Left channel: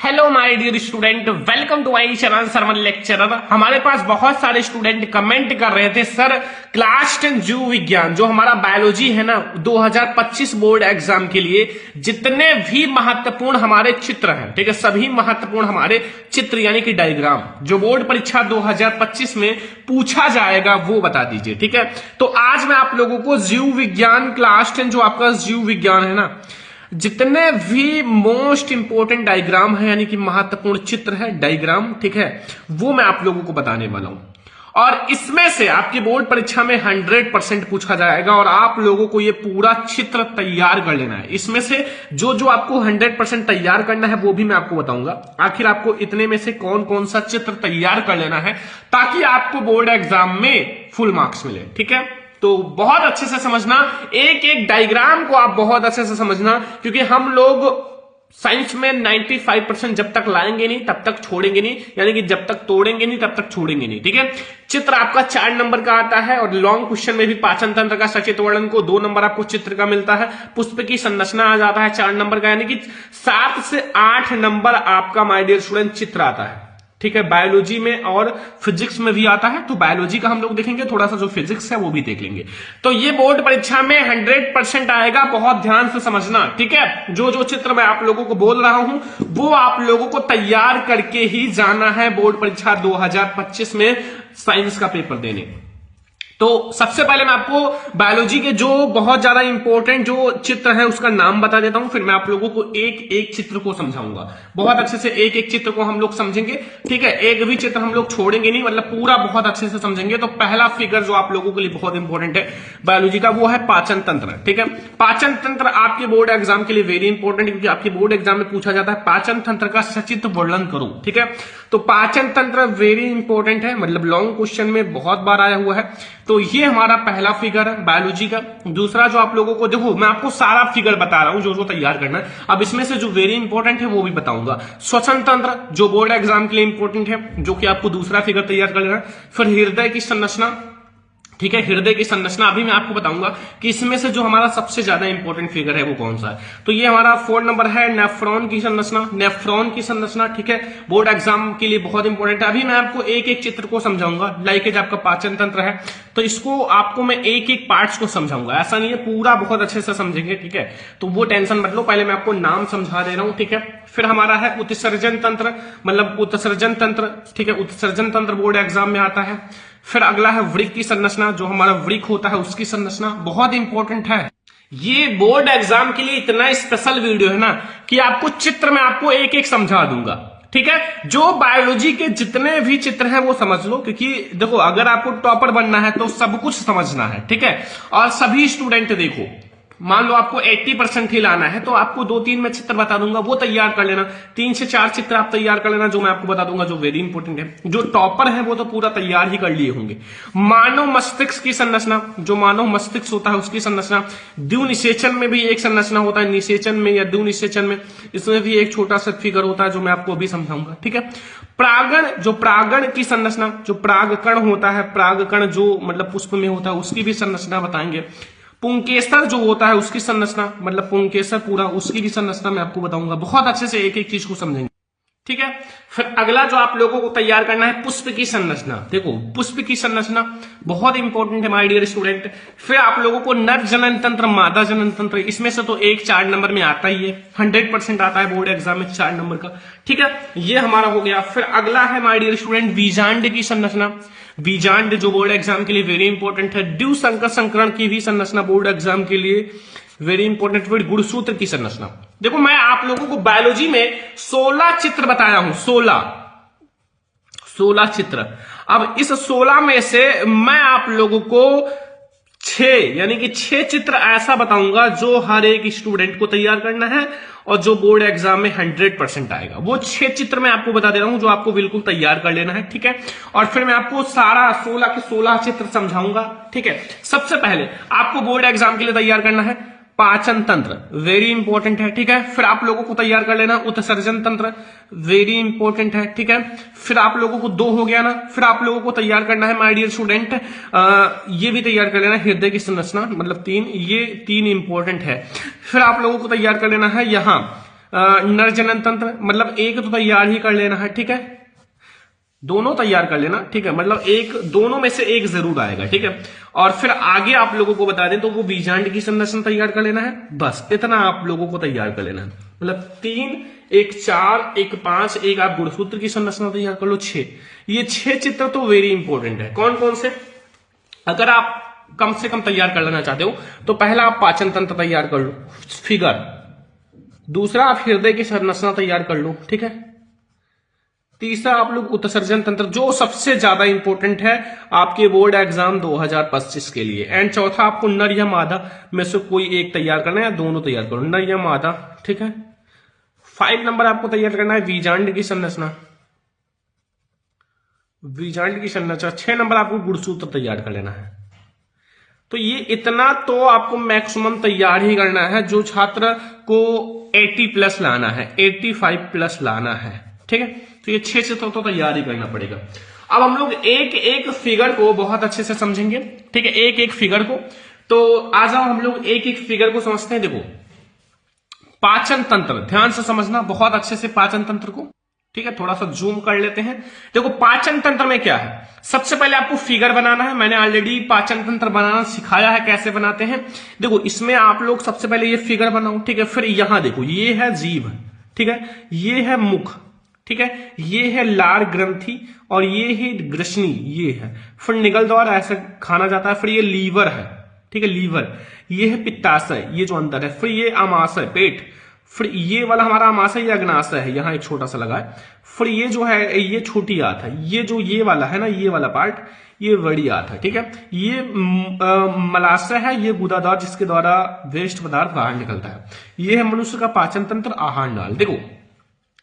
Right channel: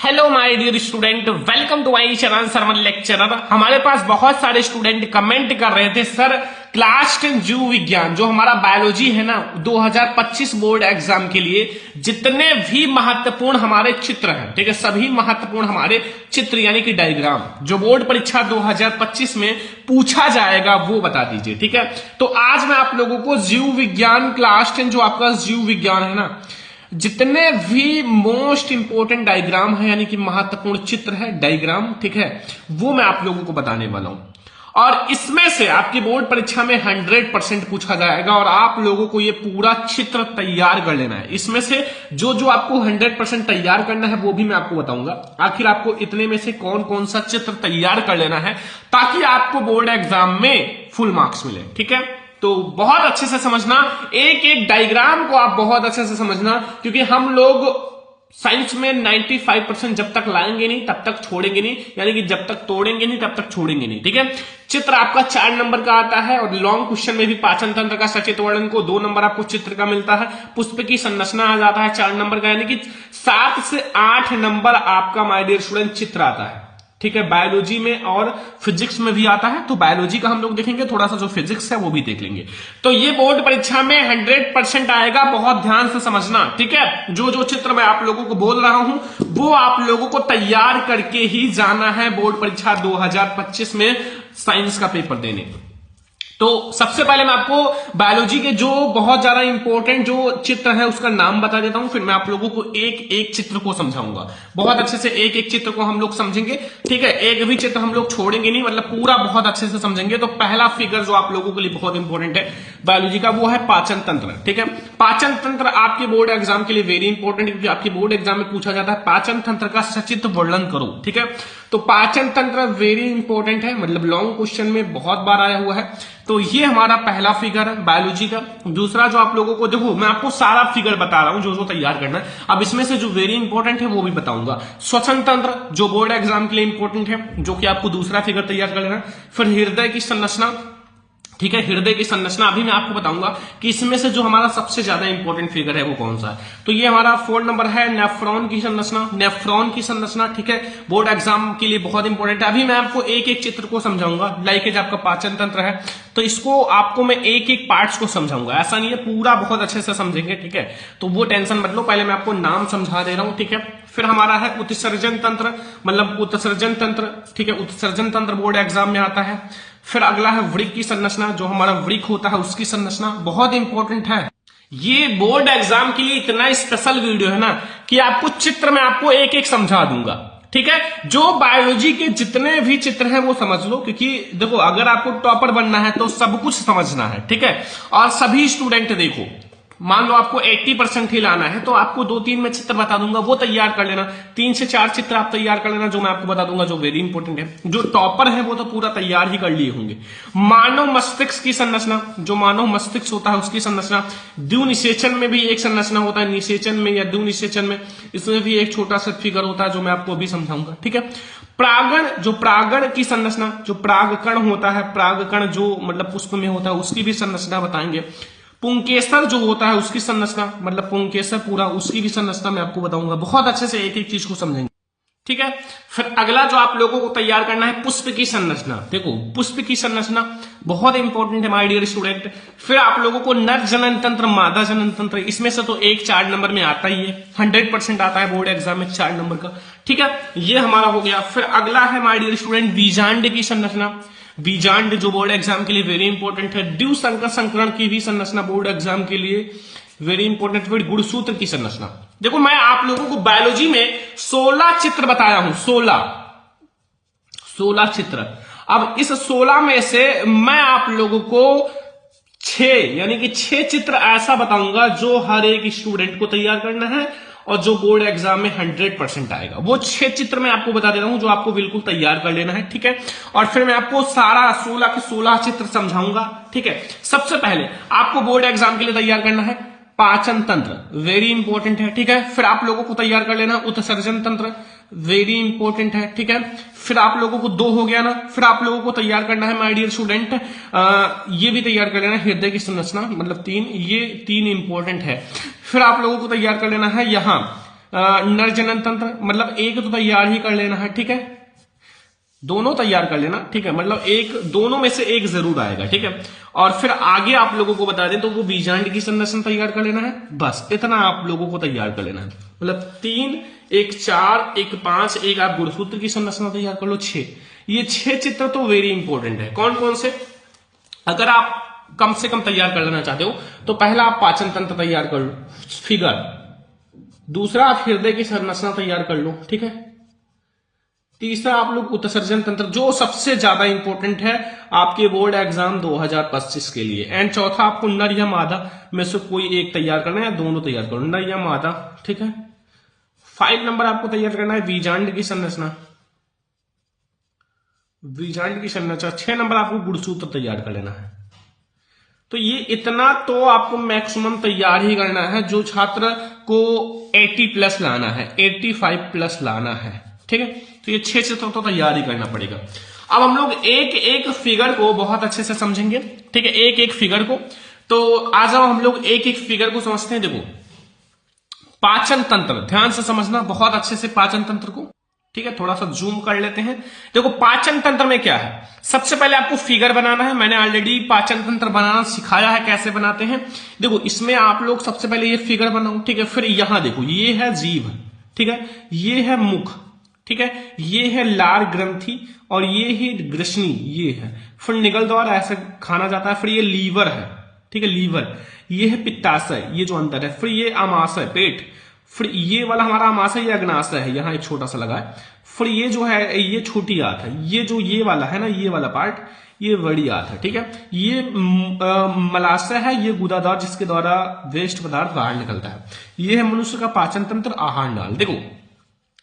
Hello my dear student, welcome to my channel Sarman lecturer. हमारे पास बहुत सारे स्टूडेंट कमेंट कर रहे थे, सर क्लास 10 जीव विज्ञान जो हमारा बायोलॉजी है ना 2025 बोर्ड एग्जाम के लिए जितने भी महत्वपूर्ण हमारे चित्र हैं, ठीक है, सभी महत्वपूर्ण हमारे चित्र यानी कि डायग्राम जो बोर्ड परीक्षा 2025 में पूछा जाएगा वो बता दीजिए। ठीक है, तो आज मैं आप लोगों को जीव विज्ञान क्लास 10 जो आपका जीव विज्ञान है ना, जितने भी मोस्ट इंपोर्टेंट डायग्राम है यानी कि महत्वपूर्ण चित्र है डायग्राम, ठीक है, वो मैं आप लोगों को बताने वाला हूं। और इसमें से आपकी बोर्ड परीक्षा में 100% पूछा जाएगा और आप लोगों को ये पूरा चित्र तैयार कर लेना है। इसमें से जो जो आपको 100% तैयार करना है वो भी मैं आपको बताऊंगा। आखिर आपको इतने में से कौन कौन सा चित्र तैयार कर लेना है ताकि आपको बोर्ड एग्जाम में फुल मार्क्स मिले। ठीक है, तो बहुत अच्छे से समझना, एक एक डायग्राम को आप बहुत अच्छे से समझना, क्योंकि हम लोग साइंस में 95% जब तक लाएंगे नहीं तब तक छोड़ेंगे नहीं, यानी कि जब तक तोड़ेंगे नहीं तब तक छोड़ेंगे नहीं। ठीक है, चित्र आपका 4 नंबर का आता है और लॉन्ग क्वेश्चन में भी पाचन तंत्र का सचेत वर्णन को 2 नंबर आपको चित्र का मिलता है। पुष्प की संरचना आ जाता है 4 नंबर का, यानी कि 7 से 8 नंबर आपका माय डियर स्टूडेंट चित्र आता है। ठीक है, बायोलॉजी में और फिजिक्स में भी आता है, तो बायोलॉजी का हम लोग देखेंगे, थोड़ा सा जो फिजिक्स है वो भी देख लेंगे। तो ये बोर्ड परीक्षा में 100% आएगा, बहुत ध्यान से समझना। ठीक है, जो जो चित्र मैं आप लोगों को बोल रहा हूं वो आप लोगों को तैयार करके ही जाना है बोर्ड परीक्षा 2025 में साइंस का पेपर देने। तो सबसे पहले मैं आपको बायोलॉजी के जो बहुत ज्यादा इंपॉर्टेंट जो चित्र है उसका नाम बता देता हूं, फिर मैं आप लोगों को एक एक चित्र को समझाऊंगा। बहुत अच्छे से एक एक चित्र को हम लोग समझेंगे। ठीक है, एक भी चित्र हम लोग छोड़ेंगे नहीं, मतलब पूरा बहुत अच्छे से समझेंगे। तो पहला फिगर जो आप लोगों के लिए बहुत इंपॉर्टेंट है बायोलॉजी का वो है पाचन तंत्र। ठीक है, पाचन तंत्र आपके बोर्ड एग्जाम के लिए वेरी इंपॉर्टेंट, क्योंकि आपके बोर्ड एग्जाम में पूछा जाता है पाचन तंत्र का सचित्र वर्णन करो। ठीक है, तो पाचन तंत्र वेरी इंपॉर्टेंट है, मतलब लॉन्ग क्वेश्चन में बहुत बार आया हुआ है। तो ये हमारा पहला फिगर है बायोलॉजी का। दूसरा जो आप लोगों को, देखो मैं आपको सारा फिगर बता रहा हूं जो जो तैयार करना है, अब इसमें से जो वेरी इंपॉर्टेंट है वो भी बताऊंगा। श्वसन तंत्र जो बोर्ड एग्जाम के लिए इंपॉर्टेंट है, जो कि आपको दूसरा फिगर तैयार करना है। फिर हृदय की संरचना, ठीक है, हृदय की संरचना अभी मैं आपको बताऊंगा कि इसमें से जो हमारा सबसे ज्यादा इंपॉर्टेंट फिगर है वो कौन सा है। तो ये हमारा 4 नंबर है नेफ्रॉन की संरचना। नेफ्रॉन की संरचना, ठीक है, बोर्ड एग्जाम के लिए बहुत इंपॉर्टेंट है। अभी मैं आपको एक एक चित्र को समझाऊंगा। लाइक आपका पाचन तंत्र है तो इसको आपको मैं एक एक पार्ट्स को समझाऊंगा, ऐसा नहीं है पूरा बहुत अच्छे से समझेंगे। ठीक है, तो वो टेंशन मत लो, पहले मैं आपको नाम समझा दे रहा हूं। ठीक है, फिर हमारा है उत्सर्जन तंत्र, मतलब उत्सर्जन तंत्र। ठीक है, उत्सर्जन तंत्र बोर्ड एग्जाम में आता है। फिर अगला है वृक्क की संरचना, जो हमारा वृक्क होता है उसकी संरचना बहुत इंपॉर्टेंट है। ये बोर्ड एग्जाम के लिए इतना स्पेशल वीडियो है ना कि आपको चित्र में आपको एक एक समझा दूंगा। ठीक है, जो बायोलॉजी के जितने भी चित्र हैं वो समझ लो, क्योंकि देखो अगर आपको टॉपर बनना है तो सब कुछ समझना है। ठीक है, और सभी स्टूडेंट देखो, मान लो आपको 80% ही लाना है तो आपको 2-3 में चित्र बता दूंगा, वो तैयार कर लेना। 3 से 4 चित्र आप तैयार कर लेना जो मैं आपको बता दूंगा, जो वेरी इंपॉर्टेंट है। जो टॉपर है वो तो पूरा तैयार ही कर लिए होंगे। मानव मस्तिष्क की संरचना, जो मानव मस्तिष्क होता है उसकी संरचना। द्विनिषेचन में भी एक संरचना होता है, निषेचन में या द्विनिषेचन में, इसमें भी एक छोटा सा फिगर होता है जो मैं आपको अभी समझाऊंगा। ठीक है, प्रागण, जो प्रागण की संरचना, जो प्रागकण होता है, प्रागकण जो मतलब पुष्प में होता है उसकी भी संरचना बताएंगे। पुंकेसर जो होता है उसकी संरचना, मतलब पुंकेसर पूरा उसकी भी संरचना मैं आपको बताऊंगा। बहुत अच्छे से एक एक चीज को समझेंगे। ठीक है, फिर अगला जो आप लोगों को तैयार करना है पुष्प की संरचना। देखो पुष्प की संरचना बहुत इंपॉर्टेंट है माय डियर स्टूडेंट। फिर आप लोगों को नर जनन तंत्र, मादा जनन तंत्र, इसमें से तो एक 4 नंबर में आता ही है, 100% आता है बोर्ड एग्जाम में 4 नंबर का। ठीक है, ये हमारा हो गया। फिर अगला है माय डियर स्टूडेंट बीजांड की संरचना। बीजांड जो बोर्ड एग्जाम के लिए वेरी इंपॉर्टेंट है। द्वि संकर संकरण की भी संरचना बोर्ड एग्जाम के लिए वेरी इंपॉर्टेंट। फिर गुणसूत्र की संरचना। देखो मैं आप लोगों को बायोलॉजी में 16 चित्र बताया हूं, 16 चित्र। अब इस 16 में से मैं आप लोगों को 6 यानी कि 6 चित्र ऐसा बताऊंगा जो हर एक स्टूडेंट को तैयार करना है और जो बोर्ड एग्जाम में 100% आएगा। वो 6 चित्र मैं आपको बता दे रहा हूं जो आपको बिल्कुल तैयार कर लेना है। ठीक है, और फिर मैं आपको सारा 16 के 16 चित्र समझाऊंगा। ठीक है, सबसे पहले आपको बोर्ड एग्जाम के लिए तैयार करना है पाचन तंत्र, वेरी इंपॉर्टेंट है। ठीक है, फिर आप लोगों को तैयार कर लेना उत्सर्जन तंत्र, वेरी इंपॉर्टेंट है। ठीक है, फिर आप लोगों को 2 हो गया ना। फिर आप लोगों को तैयार करना है माय डियर स्टूडेंट, ये भी तैयार कर लेना हृदय की संरचना, मतलब 3, ये 3 इंपॉर्टेंट है। फिर आप लोगों को तैयार कर लेना है यहां नर जनन तंत्र, मतलब एक तो तैयार ही कर लेना है, ठीक है, दोनों तैयार कर लेना, ठीक है, मतलब एक दोनों में से एक जरूर आएगा, ठीक है। और फिर आगे आप लोगों को बता दें तो वो बीजांड की संरचना तैयार कर लेना है, बस इतना आप लोगों को तैयार कर लेना है। मतलब 3, एक 4, एक 5, एक आप गुणसूत्र की संरचना तैयार कर लो, 6। ये 6 चित्र तो वेरी इंपॉर्टेंट है। कौन कौन से, अगर आप कम से कम तैयार कर लेना चाहते हो तो पहला आप पाचन तंत्र तैयार कर लो, फिगर। दूसरा आप हृदय की संरचना तैयार कर लो, ठीक है। तीसरा आप लोग उत्सर्जन तंत्र, जो सबसे ज्यादा इंपॉर्टेंट है आपके बोर्ड एग्जाम 2025 के लिए। एंड चौथा आपको नर या मादा में से कोई एक तैयार करना है या दोनों तैयार करो, नर या मादा, ठीक है। 5 नंबर आपको तैयार करना है बीजांड की संरचना, बीजांड की संरचना। 6 नंबर आपको गुणसूत्र तैयार कर लेना है। तो ये इतना तो आपको मैक्सिमम तैयार ही करना है जो छात्र को 80 प्लस लाना है, 85 प्लस लाना है, ठीक है। तो ये 6 से तो तैयार ही करना पड़ेगा। अब हम लोग एक एक फिगर को बहुत अच्छे से समझेंगे, ठीक है, एक एक फिगर को। तो आ जाओ हम लोग एक एक फिगर को समझते हैं। देखो पाचन तंत्र, ध्यान से समझना बहुत अच्छे से पाचन तंत्र को, ठीक है। थोड़ा सा जूम कर लेते हैं। देखो पाचन तंत्र में क्या है, सबसे पहले आपको फिगर बनाना है। मैंने ऑलरेडी पाचन तंत्र बनाना सिखाया है, कैसे बनाते हैं। देखो इसमें आप लोग सबसे पहले ये फिगर बनाओ, ठीक है। फिर यहां देखो ये है जीभ, ठीक है, ये है मुख, ठीक है, ये है लार ग्रंथि और ये है ग्रसनी, ये है। फिर निगल द्वारा ऐसे खाना जाता है। फिर ये लीवर है, ठीक है, लीवर। ये है पित्ताशय, ये जो अंदर है। फिर ये अमाशय, पेट। फिर ये वाला हमारा अमाशय, ये अग्नाशय है, यहां एक छोटा सा लगा है। फिर ये जो है ये छोटी आंत है। ये जो ये वाला है ना, ये वाला पार्ट, ये बड़ी आंत है, ठीक है। ये मलाशय है, ये गुदादार जिसके द्वारा वेस्ट पदार्थ बाहर निकलता है। ये है मनुष्य का पाचन तंत्र, आहार नाल। देखो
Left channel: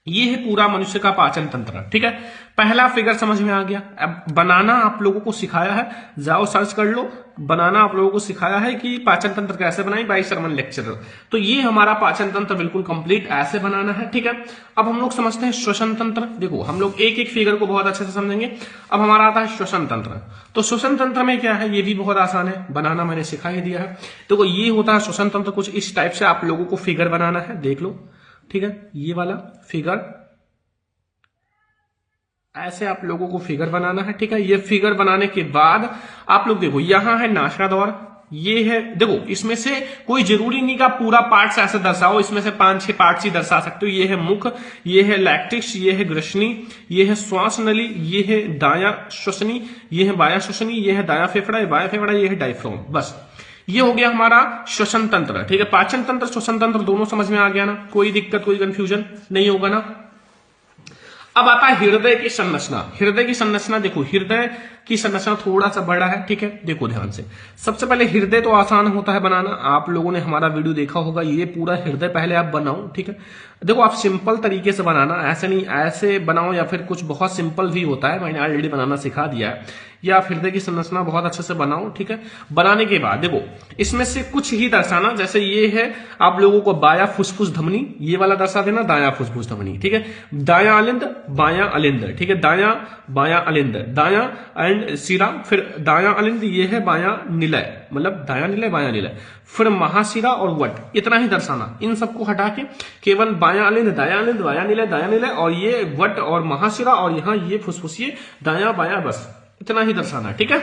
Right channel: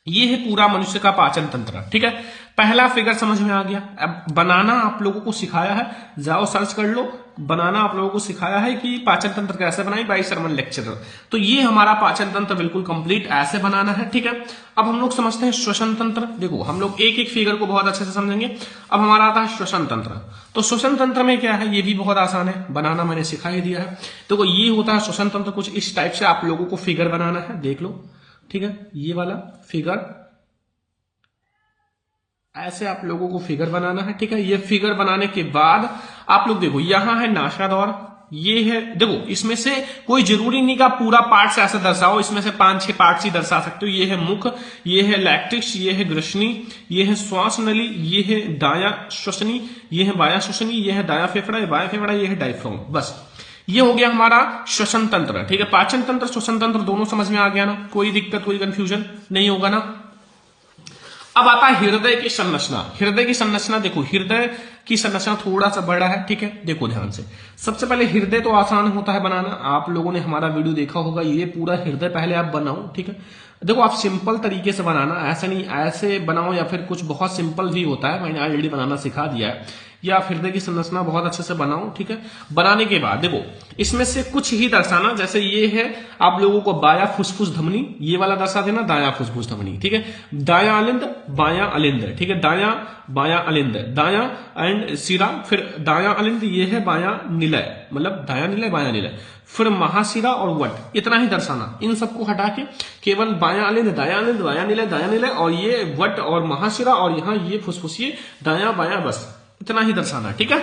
ये है पूरा मनुष्य का पाचन तंत्र, ठीक है। पहला फिगर समझ में आ गया। अब बनाना आप लोगों को सिखाया है, जाओ सर्च कर लो, बनाना आप लोगों को सिखाया है कि पाचन तंत्र कैसे बनाई बाई शर्मन लेक्चरर। तो ये हमारा पाचन तंत्र बिल्कुल कंप्लीट ऐसे बनाना है, ठीक है। अब हम लोग समझते हैं श्वसन तंत्र। देखो हम लोग एक एक फिगर को बहुत अच्छे से समझेंगे। अब हमारा आता है श्वसन तंत्र। तो श्वसन तंत्र में क्या है, ये भी बहुत आसान है बनाना, मैंने सिखा ही दिया है। देखो ये होता है श्वसन तंत्र, कुछ इस टाइप से आप लोगों को फिगर बनाना है, देख लो, ठीक है। ये वाला फिगर ऐसे आप लोगों को फिगर बनाना है, ठीक है। ये फिगर बनाने के बाद आप लोग देखो यहां है नासा द्वार, ये है। देखो इसमें से कोई जरूरी नहीं का पूरा पार्ट्स ऐसे दर्शाओ, इसमें से 5-6 पार्ट्स ही दर्शा सकते हो। ये है मुख, ये है लैक्टिक्स, ये है ग्रसनी, ये है श्वास नली, ये है दाया श्वसनी, ये है बाया श्वसनी, ये है दाया फेफड़ा, ये बाया फेफड़ा, ये है डायफ्राम। बस ये हो गया हमारा श्वसन तंत्र, ठीक है। पाचन तंत्र श्वसन तंत्र दोनों समझ में आ गया ना, कोई दिक्कत कोई कंफ्यूजन नहीं होगा ना। अब आता है हृदय की संरचना। हृदय की संरचना देखो, हृदय की संरचना थोड़ा सा बड़ा है, ठीक है। देखो ध्यान से, सबसे पहले हृदय तो आसान होता है बनाना, आप लोगों ने हमारा वीडियो देखा होगा। ये पूरा हृदय पहले आप बनाओ, ठीक है। देखो आप सिंपल तरीके से बनाना, ऐसे नहीं ऐसे बनाओ, या फिर कुछ बहुत सिंपल भी होता है, मैंने ऑलरेडी बनाना सिखा दिया है। या आप हृदय की संरचना बहुत अच्छे से बनाओ, ठीक है। बनाने के बाद देखो इसमें से कुछ ही दर्शाना, जैसे ये है आप लोगों को बाया फुसफुस धमनी, ये वाला दर्शा देना, दाया फुसफुस धमनी, ठीक है। दाया अलिंद, बाया अलिंद, ठीक है, दाया बाया अलिंद, दाया एंड सिरा, फिर दाया अलिंद, ये है बाया निलय, मतलब दाया निलय बाया निलय, फिर महाशिरा और वट, इतना ही दर्शाना। इन सबको हटा के केवल बाया अलिंद, दाया अलिंद, बाया निलय, दाया निलय, और ये वट और महाशिरा, और यहाँ ये फुसफुसिए दाया बाया, बस इतना ही दर्शाना, ठीक है।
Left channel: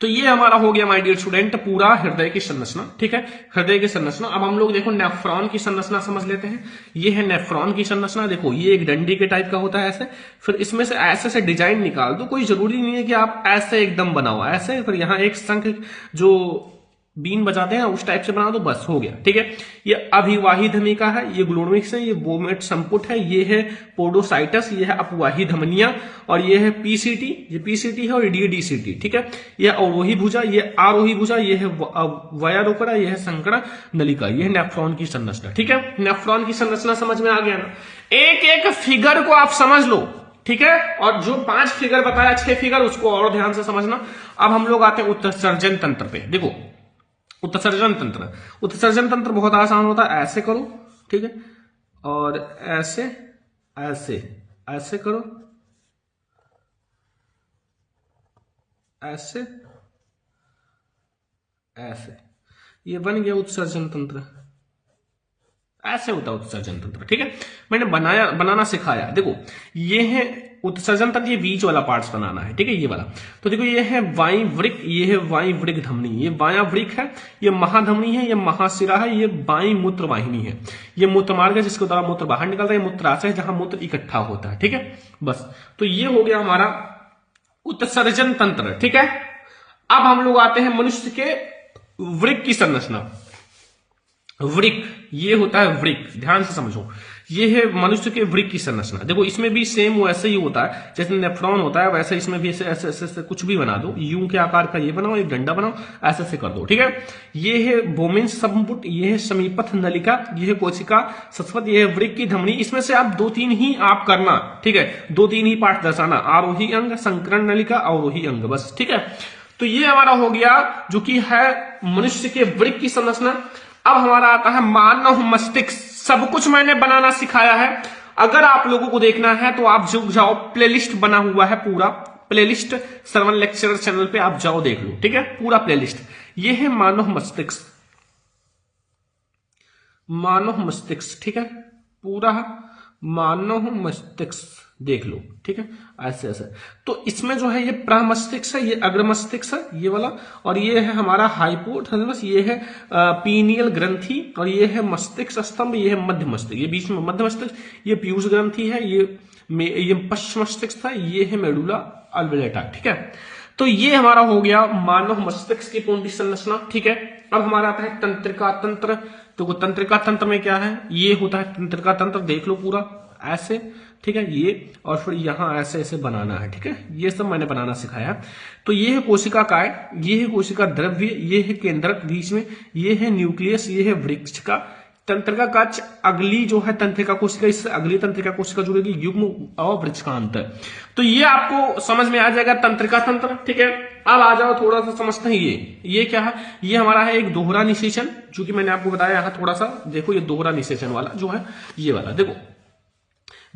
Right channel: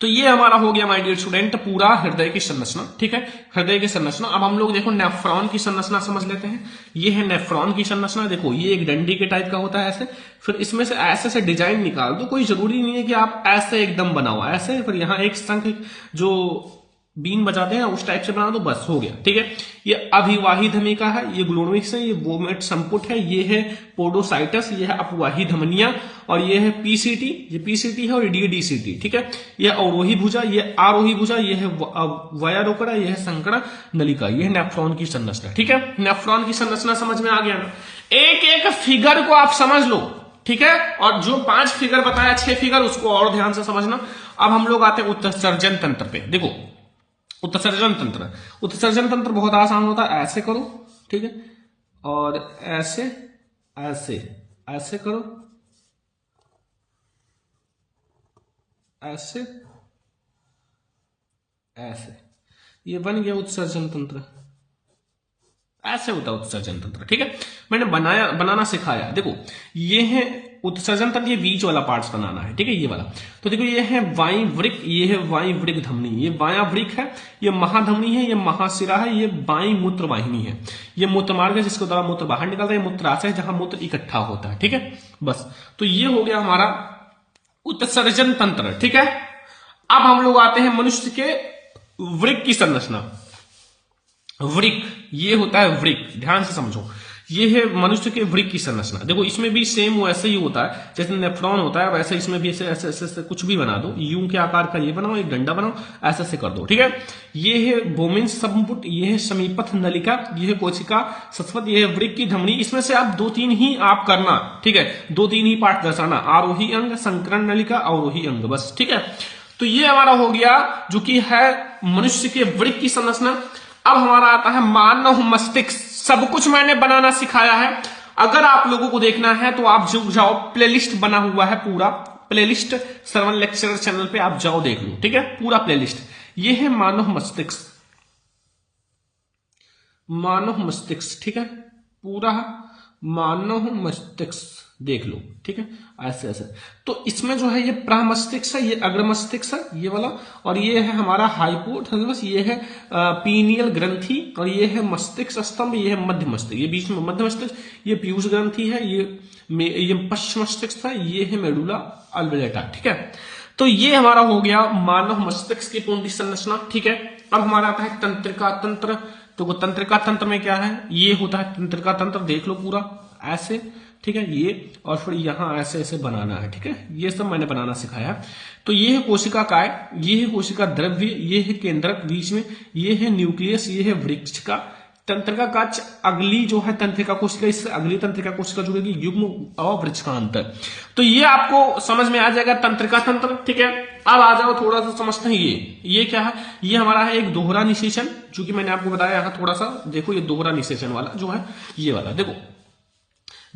तो ये हमारा हो गया माय डियर स्टूडेंट पूरा हृदय की संरचना, ठीक है। हृदय की संरचना। अब हम लोग देखो नेफ्रॉन की संरचना समझ लेते हैं। ये है नेफ्रॉन की संरचना। देखो ये एक डंडी के टाइप का होता है ऐसे, फिर इसमें से ऐसे से डिजाइन निकाल दो। कोई जरूरी नहीं है कि आप ऐसे एकदम बनाओ, ऐसे फिर यहाँ एक शंख जो बीन बजाते हैं उस टाइप से बना दो, बस हो गया, ठीक है। ये अभिवाही धमिका है, ये ग्लोमिक्स है, ये वोमेट संपुट है, ये है पोडोसाइटस, ये है अपवाही धमनिया, और ये है पीसीटी, ये पीसीटी है, और ये डीसीटी, ठीक है। ये अवरोही भुजा, ये आरोही भुजा, ये है वयारोकड़ा, ये है संकड़ा नलिका। ये है नेफ्रॉन की संरचना, ठीक है। नेफ्रॉन की संरचना समझ में आ गया ना। एक एक फिगर को आप समझ लो, ठीक है। और जो 5 फिगर बताया, 6 फिगर, उसको और ध्यान से समझना। अब हम लोग आते हैं उत्सर्जन तंत्र पे। देखो उत्सर्जन तंत्र, उत्सर्जन तंत्र बहुत आसान होता है। ऐसे करो, ठीक है, और ऐसे ऐसे ऐसे करो, ऐसे ऐसे, ये बन गया उत्सर्जन तंत्र। ऐसे होता है उत्सर्जन तंत्र। ठीक है, मैंने बनाना सिखाया। देखो ये है उत्सर्जन तंत्र, ये बीच वाला पार्ट्स बनाना है। ठीक है, ये वाला। तो देखो ये है वायुवृक, ये है वायुवृक धमनी, ये वायुवृक है, ये महाधमनी है, ये महाशिरा है, ये वायु मूत्र वाहिनी है, ये मूत्र मार्ग है जिसके द्वारा मूत्र बाहर निकलता है, ये मूत्राशय है जहां मूत्र इकट्ठा होता है। ठीक है, बस। तो ये हो गया हमारा उत्सर्जन तंत्र। ठीक है, अब हम लोग आते हैं मनुष्य के वृक्क की संरचना। वृक्क, ये होता है वृक्क, ध्यान से समझो। ये है मनुष्य के वृक्क की संरचना। देखो इसमें भी सेम वैसे ही होता है जैसे नेफ्रॉन होता है, वैसे इसमें भी ऐसे ऐसे ऐसे कुछ भी बना दो, यूं के आकार का ये बनाओ, एक डंडा बनाओ, ऐसे ऐसे कर दो। ठीक है, ये है बोमेंस संपुट, ये है समीपथ नलिका, ये है कोशिका सस्वत, ये है वृक्क की धमनी। इसमें से आप 2-3 ही आप करना। ठीक है, 2-3 ही पार्ट दर्शाना, आरोही अंग, संकरण नलिका, अवरोही अंग, बस। ठीक है, तो ये हमारा हो गया जो कि है मनुष्य के वृक्क की संरचना। अब हमारा आता है मानव मस्तिष्क। सब कुछ मैंने बनाना सिखाया है। अगर आप लोगों को देखना है तो आप जो जाओ, प्लेलिस्ट बना हुआ है पूरा, प्लेलिस्ट श्रवण लेक्चरर चैनल पे आप जाओ देख लो। ठीक है, पूरा प्लेलिस्ट। ये है मानव मस्तिष्क, मानव मस्तिष्क। ठीक है, पूरा मानव मस्तिष्क देख लो। ठीक है, ऐसे ऐसे। तो इसमें जो है ये प्रमस्तिष्क है, ये अग्र मस्तिष्क है, ये वाला, और ये है हमारा हाइपोथैलेमस, ये है पीनियल ग्रंथि, और ये है मस्तिष्क स्तंभ, ये है मध्य मस्तिष्क, ये बीच में मध्य मस्तिष्क, ये पीयूष ग्रंथि है, ये पश्च मस्तिष्क है, ये है मेडुला ऑब्लेंगेटा। ठीक है, तो ये हमारा हो गया मानव मस्तिष्क की पूर्ण संरचना। ठीक है, अब हमारा आता है तंत्रिका तंत्र। तो तंत्रिका तंत्र में क्या है, ये होता है तंत्रिका तंत्र, देख लो पूरा ऐसे। ठीक है, ये और फिर यहां ऐसे ऐसे बनाना है। ठीक है, ये सब मैंने बनाना सिखाया। तो ये है कोशिका काय, ये है कोशिका द्रव्य, ये है केंद्रक बीच में, ये है न्यूक्लियस, ये है वृक्ष का तंत्रिका काच। अगली जो है तंत्रिका कोशिका, इससे अगली तंत्रिका कोशिका जुड़ेगी, युग्म और वृक्ष का अंतर। तो ये आपको समझ में आ जाएगा तंत्रिका तंत्र। ठीक है, अब आ जाओ थोड़ा सा समझते हैं। ये क्या है, ये हमारा है एक दोहरा निषेचन, जो कि मैंने आपको बताया। यहां थोड़ा सा देखो, ये दोहरा निषेचन वाला जो है, ये वाला देखो,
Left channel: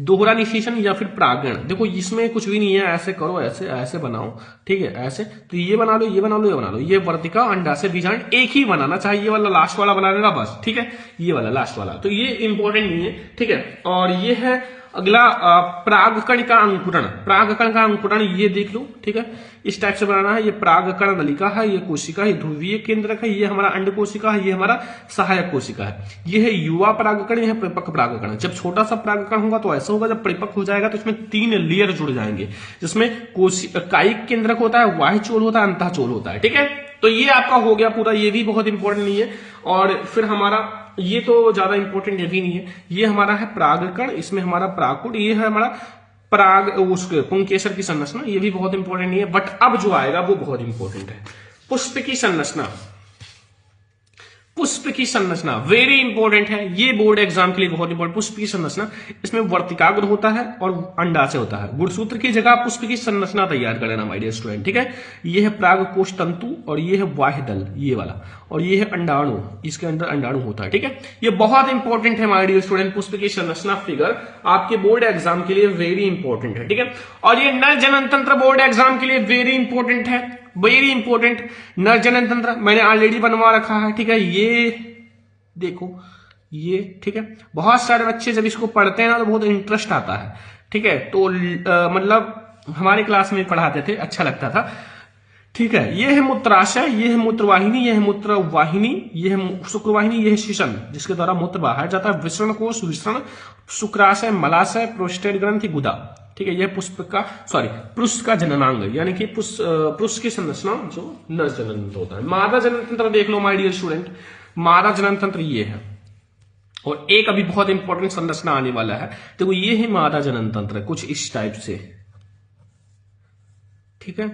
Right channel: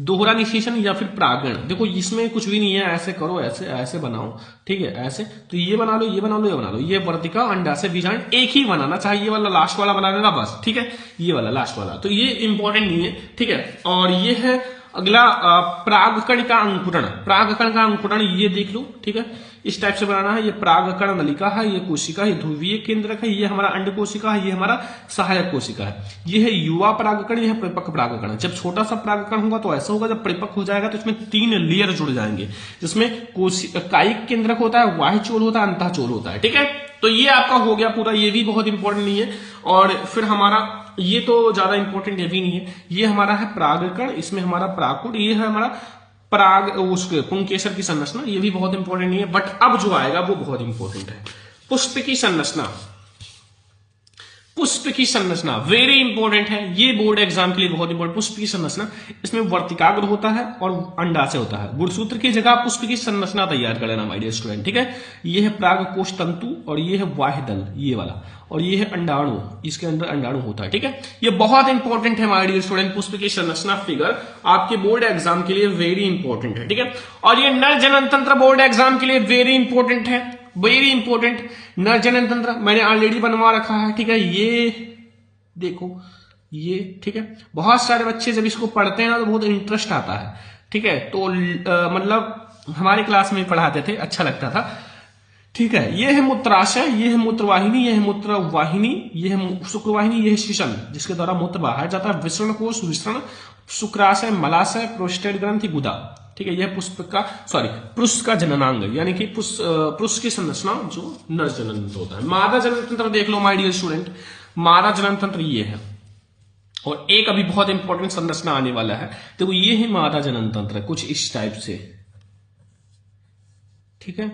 दोहरा निषेचन या फिर प्रागण। देखो इसमें कुछ भी नहीं है, ऐसे करो, ऐसे ऐसे बनाओ। ठीक है, ऐसे। तो ये बना लो, ये बना लो, ये बना लो, ये वर्तिका अंडाशय बीजांड एक ही बनाना, चाहे ये वाला लास्ट वाला बना लेना बस। ठीक है, ये वाला लास्ट वाला, तो ये इंपॉर्टेंट नहीं है। ठीक है, और ये है अगला प्रागकण का अंकुरण। प्रागकण का अंकुरण ये देख लो। ठीक है, इस टाइप से बनाना है। ये प्रागकण नलिका है, ये कोशिका, ये ध्रुवीय केंद्रक है, ये हमारा अंड कोशिका है, ये हमारा सहायक कोशिका है। ये है युवा प्रागकण, यह परिपक्व प्रागकण। जब छोटा सा प्रागकण होगा तो ऐसा होगा, जब परिपक्व हो जाएगा तो इसमें 3 लेयर जुड़ जाएंगे, जिसमें कायिक केंद्रक होता है, बाह्य चोल होता है, अंतःचोल होता है। ठीक है, तो ये आपका हो गया पूरा, ये भी बहुत इंपॉर्टेंट नहीं है। और फिर हमारा ये तो ज्यादा इंपॉर्टेंट ये भी नहीं है। ये हमारा है प्रागकण, इसमें हमारा प्राकुट, ये है हमारा प्राग उसके पुंकेसर की संरचना, ये भी बहुत इंपॉर्टेंट नहीं है। बट अब जो आएगा वो बहुत इंपॉर्टेंट है, पुष्प की संरचना। पुष्प की संरचना वेरी इंपॉर्टेंट है, ये बोर्ड एग्जाम के लिए बहुत इंपॉर्टेंट। पुष्प की संरचना, इसमें वर्तिकाग्र होता है और अंडाशय होता है। गुणसूत्र की जगह पुष्प की संरचना तैयार कर लेना माय डियर स्टूडेंट। ठीक है, ये है प्रागकोश तंतु, और ये है बाह्य दल, ये वाला, और ये है अंडाणु, इसके अंदर अंडाणु होता है। ठीक है, ये बहुत इंपॉर्टेंट है माय डियर स्टूडेंट। पुष्प की संरचना फिगर आपके बोर्ड एग्जाम के लिए वेरी इंपॉर्टेंट है। ठीक है, और ये नर जनन तंत्र बोर्ड एग्जाम के लिए वेरी इंपॉर्टेंट है, वेरी इंपॉर्टेंट। नर जनन तंत्र मैंने ऑलरेडी बनवा रखा है। ठीक है, ये देखो ये। ठीक है, बहुत सारे बच्चे जब इसको पढ़ते हैं ना तो बहुत इंटरेस्ट आता है। ठीक है, तो मतलब हमारे क्लास में पढ़ाते थे, अच्छा लगता था। ठीक है, ये है मूत्राशय, ये है मूत्रवाहिनी, ये है मूत्रवाहिनी, ये है शुक्रवाहिनी, ये है शिशन जिसके द्वारा मूत्र बाहर जाता है। विसरण कोश, विसरण, शुक्राशय, मलाशय, प्रोस्टेट ग्रंथि, गुदा। ठीक है, यह पुष्प का पुष्प का जननांग, यानी कि पुष्प की संरचना जो नर जनन तंत्र होता है। मादा जनन तंत्र देख लो माय डियर स्टूडेंट, मादा जनन तंत्र ये है। और एक अभी बहुत इंपॉर्टेंट संरचना आने वाला है, देखो ये है मादा जनन तंत्र, कुछ इस टाइप से। ठीक है,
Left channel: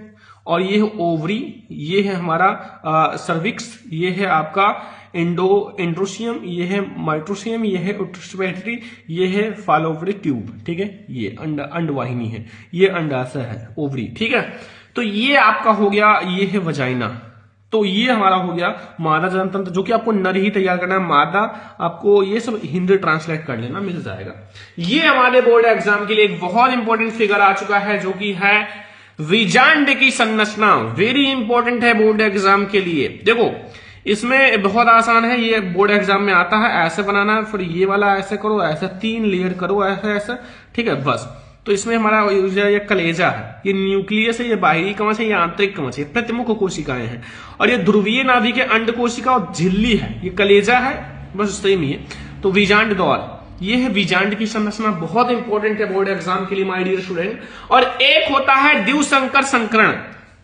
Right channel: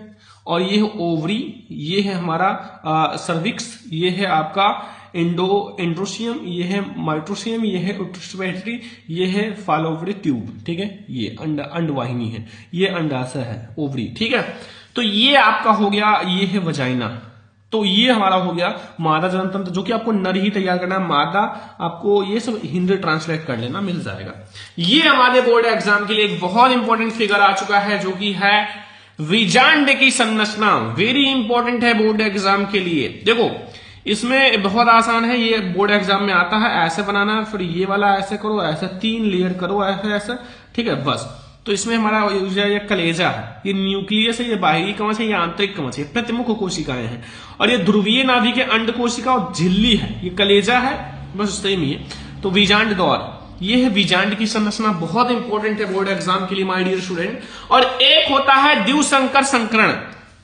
और ये है ओवरी, ये है हमारा सर्विक्स, ये है आपका एंड्रोसियम, ये है माइट्रोसियम, ये है उट्रोस्पेटरी, ये है फालोवरी ट्यूब। ठीक है, ये अंडवाहिनी है, ये अंडाशय है, ओवरी। ठीक है, तो ये आपका हो गया, ये है वजाइना। तो ये हमारा हो गया मादा जनन तंत्र, जो कि आपको नर ही तैयार करना है। मादा आपको ये सब हिंदी ट्रांसलेट कर लेना, मिल जाएगा। ये हमारे बोर्ड एग्जाम के लिए एक बहुत इंपॉर्टेंट फिगर आ चुका है, जो कि है बीजांड की संरचना। वेरी इंपॉर्टेंट है बोर्ड एग्जाम के लिए। देखो इसमें बहुत आसान है, ये बोर्ड एग्जाम में आता है। ऐसे बनाना है, फिर ये वाला ऐसे करो, ऐसे 3 लेयर करो, ऐसे ऐसे, ठीक है बस। तो इसमें हमारा ये कलेजा है, ये न्यूक्लियस है, ये बाहरी कवच है, ये आंतरिक कवच है, प्रतिमुख कोशिकाएं हैं, और ये ध्रुवीय नाभि के अंड कोशिका और झिल्ली है। ये कलेजा है, बस सेम ही है। तो बीजांड द्वार, ये है बीजांड की संरचना, बहुत इंपॉर्टेंट है बोर्ड एग्जाम के लिए माय डियर स्टूडेंट। और एक होता है द्विसंकर संकरण,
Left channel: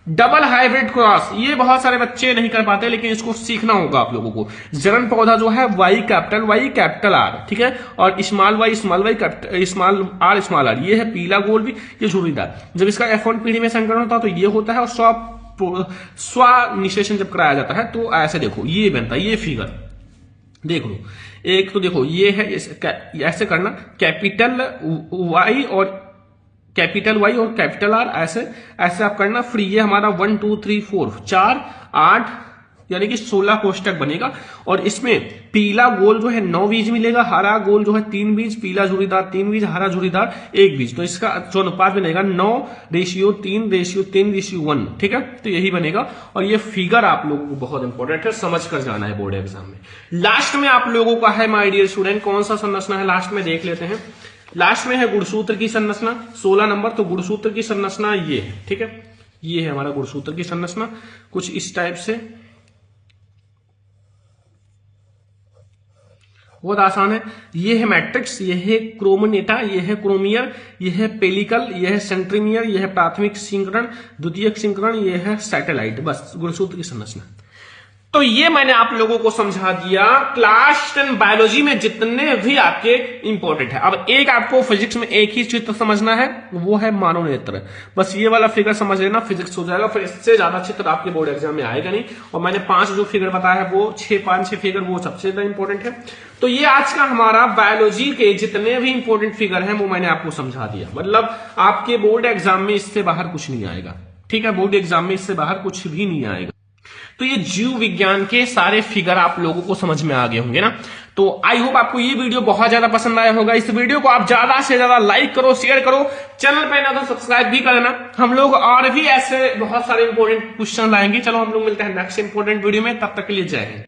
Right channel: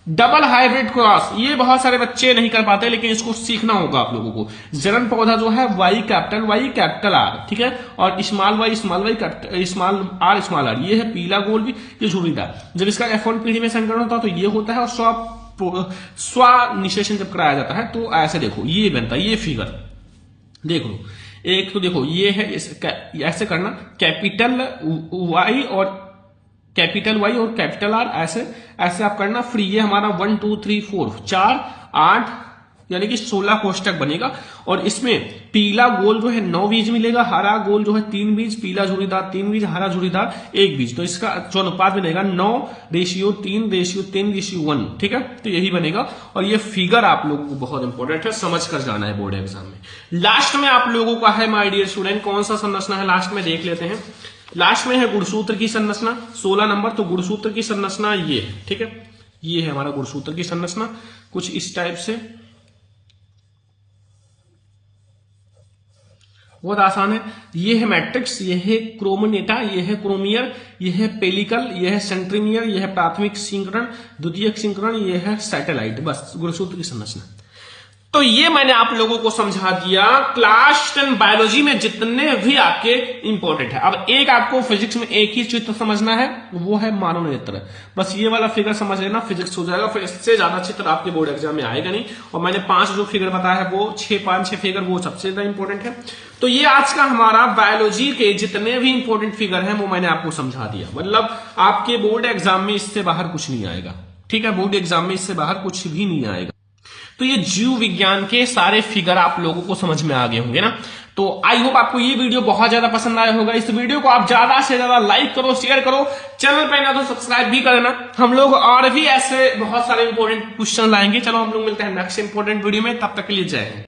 डबल हाइब्रिड क्रॉस। ये बहुत सारे बच्चे नहीं कर पाते, लेकिन इसको सीखना होगा आप लोगों को। जन्म पौधा जो है वाई कैपिटल आर, ठीक है, और स्मॉल वाई स्मॉल आर, ये है पीला गोल भी, ये झुर्रीदार। जब इसका F1 पीढ़ी में संकरण होता है तो ये होता है, और स्वनिषेचन जब कराया जाता है तो ऐसे देखो ये बनता है, ये फिगर देख लो। एक तो देखो ये है, ऐसे करना, कैपिटल वाई और कैपिटल आर, ऐसे ऐसे आप करना। फिर ये हमारा 1 2 3 4 4 8 यानी कि 16 कोष्टक बनेगा। और इसमें पीला गोल जो है 9 बीज मिलेगा, हरा गोल जो है 3 बीज, पीला झुर्रीदार 3 बीज, हरा झुर्रीदार 1 बीज। तो इसका जो अनुपात बनेगा 9:3:3:1, ठीक है। तो यही बनेगा। और ये फिगर आप लोगों को बहुत इंपॉर्टेंट है, समझ कर जाना है बोर्ड एग्जाम में। लास्ट में आप लोगों का है माय डियर स्टूडेंट, कौन सा संरचना है लास्ट में देख लेते हैं। लास्ट में है गुणसूत्र की संरचना, 16 नंबर। तो गुणसूत्र की संरचना ये है, ठीक है, ये है हमारा गुणसूत्र की संरचना, कुछ इस टाइप से। बहुत आसान है। ये है मैट्रिक्स, ये है क्रोमोनेटा, ये है क्रोमियर, ये है पेलिकल, ये है सेंट्रीमियर, ये है प्राथमिक सिंकरण, द्वितीयक सिंकरण, ये है सैटेलाइट। बस गुणसूत्र की संरचना। तो ये मैंने आप लोगों को समझा दिया क्लास 10 बायोलॉजी में जितने भी आपके इंपॉर्टेंट है। अब एक आपको फिजिक्स में एक ही चित्र समझना है, वो है मानव नेत्र। बस ये वाला फिगर समझ लेना, फिजिक्स हो जाएगा। फिर इससे ज्यादा चित्र आपके बोर्ड एग्जाम में आएगा नहीं। और मैंने 5 जो फिगर बताया है, वो 5-6 फिगर वो सबसे ज्यादा इंपॉर्टेंट है। तो ये आज का हमारा बायोलॉजी के जितने भी इंपॉर्टेंट फिगर है वो मैंने आपको समझा दिया। मतलब आपके बोर्ड एग्जाम में इससे बाहर कुछ नहीं आएगा, ठीक है। बोर्ड एग्जाम में इससे बाहर कुछ भी नहीं आएगा। तो ये जीव विज्ञान के सारे फिगर आप लोगों को समझ में आ गए होंगे ना। तो आई होप आपको ये वीडियो बहुत ज्यादा पसंद आया होगा। इस वीडियो को आप ज्यादा से ज्यादा लाइक करो, शेयर करो, चैनल पे ना तो सब्सक्राइब भी करना। हम लोग और भी ऐसे बहुत सारे इंपॉर्टेंट क्वेश्चन लाएंगे। चलो हम लोग मिलते हैं नेक्स्ट इंपॉर्टेंट वीडियो में, तब तक के लिए जय हिंद।